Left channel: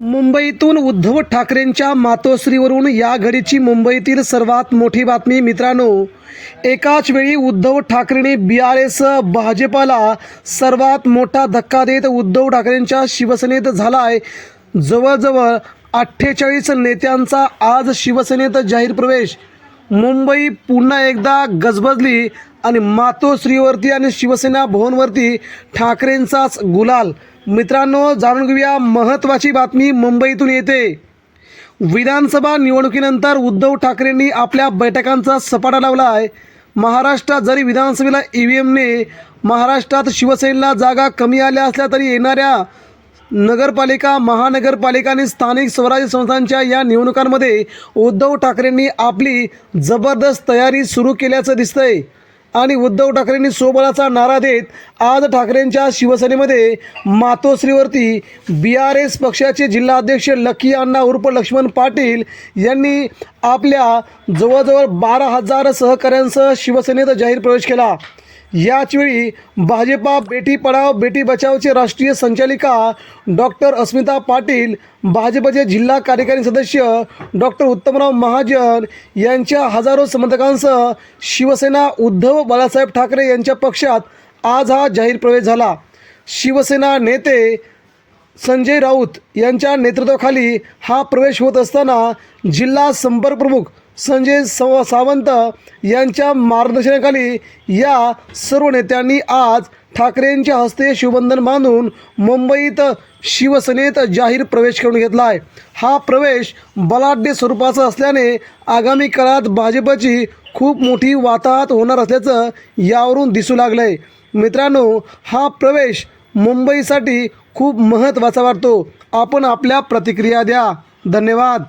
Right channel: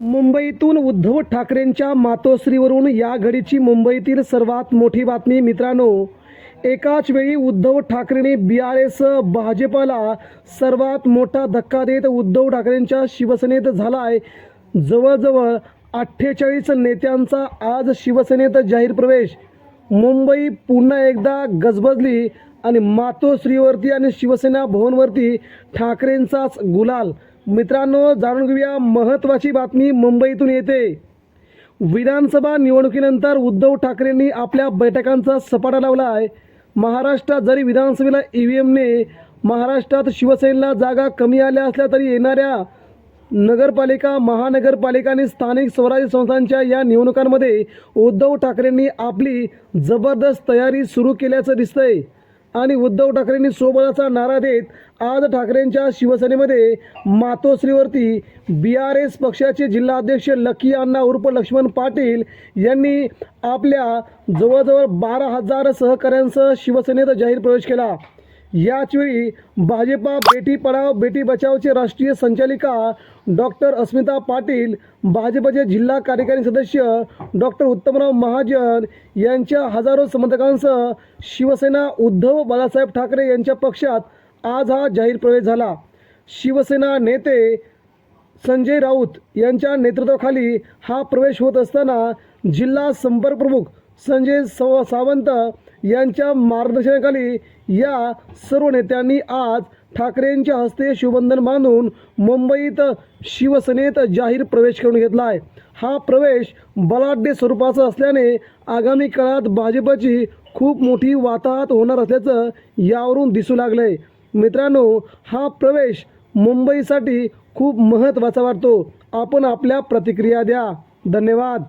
मुंबईतून उद्धव ठाकरेंच्या मातोश्रीवरून या घडीची मुंबईतील सर्वात मोठी बातमी. मित्रांनो, एकाच वेळी उद्धव ठाकरेंनी BRS भाजपाला सर्वात मोठा धक्का देत उद्धव ठाकरेंच्या शिवसेनेत झालाय. जवळजवळ 48 नेत्यांचा आज शिवसेनेत जाहीर प्रवेश. मुंबई पुन्हा एकदा गजबजली आणि मातोश्रीवरती आणि शिवसेना भवनवरती ठाकरेंचाच गुलाल. मित्रांनो, जाणून घेऊया महत्त्वाची बातमी मुंबईतून येते. विधानसभा निवडणुकीनंतर उद्धव ठाकरेंनी आपल्या बैठकांचा सपाटा लावला आहे. महाराष्ट्रात जरी विधानसभेला EVMने महाराष्ट्रात शिवसेनेला जागा कमी आल्या असल्या तरी येणाऱ्या नगरपालिका, महानगरपालिका आणि स्थानिक स्वराज्य संस्थांच्या या निवडणुकांमध्ये उद्धव ठाकरेंनी आपली जबरदस्त तयारी सुरू केल्याचं दिसतंय. आणि उद्धव ठाकरेंनी सोबळाचा नारा देत आज ठाकरेंच्या शिवसेनेमध्ये मातोश्रीवरती BRS पक्षाचे जिल्हाध्यक्ष लकी अण्णा उर्फ लक्ष्मण पाटील यांनी आपल्या जवळजवळ 12,000 सहकाऱ्यांसह शिवसेनेत जाहीर प्रवेश केला. याचवेळी भाजपा बेटी पढाओ बेटी बचाओचे राष्ट्रीय संचालिका डॉक्टर अस्मिता पाटील, भाजपचे जिल्हा कार्यकारी सदस्य डॉक्टर उत्तमराव महाजन यांच्या हजारो समर्थकांसह शिवसेना उद्धव बाळासाहेब ठाकरे यांच्या पक्षात आज हा जाहीर प्रवेश झाला. शिवसेना नेते संजय राऊत यांच्या नेतृत्वाखाली हा प्रवेश होत असताना जिल्हा संपर्क प्रमुख संजय सावंत यांच्या मार्गदर्शनाखाली या सर्व नेत्यांनी आज ठाकरेंच्या हस्ते शिवबंधन बांधून मुंबईत शिवसेनेत जाहीर प्रवेश करून घेतला आहे. हा प्रवेश बलाढ्य स्वरूपाचा असल्याने आगामी काळात भाजपची खूप मोठी वाताहत होणार असल्याचं यावरून दिसू लागलं आहे. मित्रांनो, हा प्रवेश मुंबईसाठी खूप महत्त्वाचा वाटतो. आपण आपल्या प्रतिक्रिया द्या. धन्यवाद.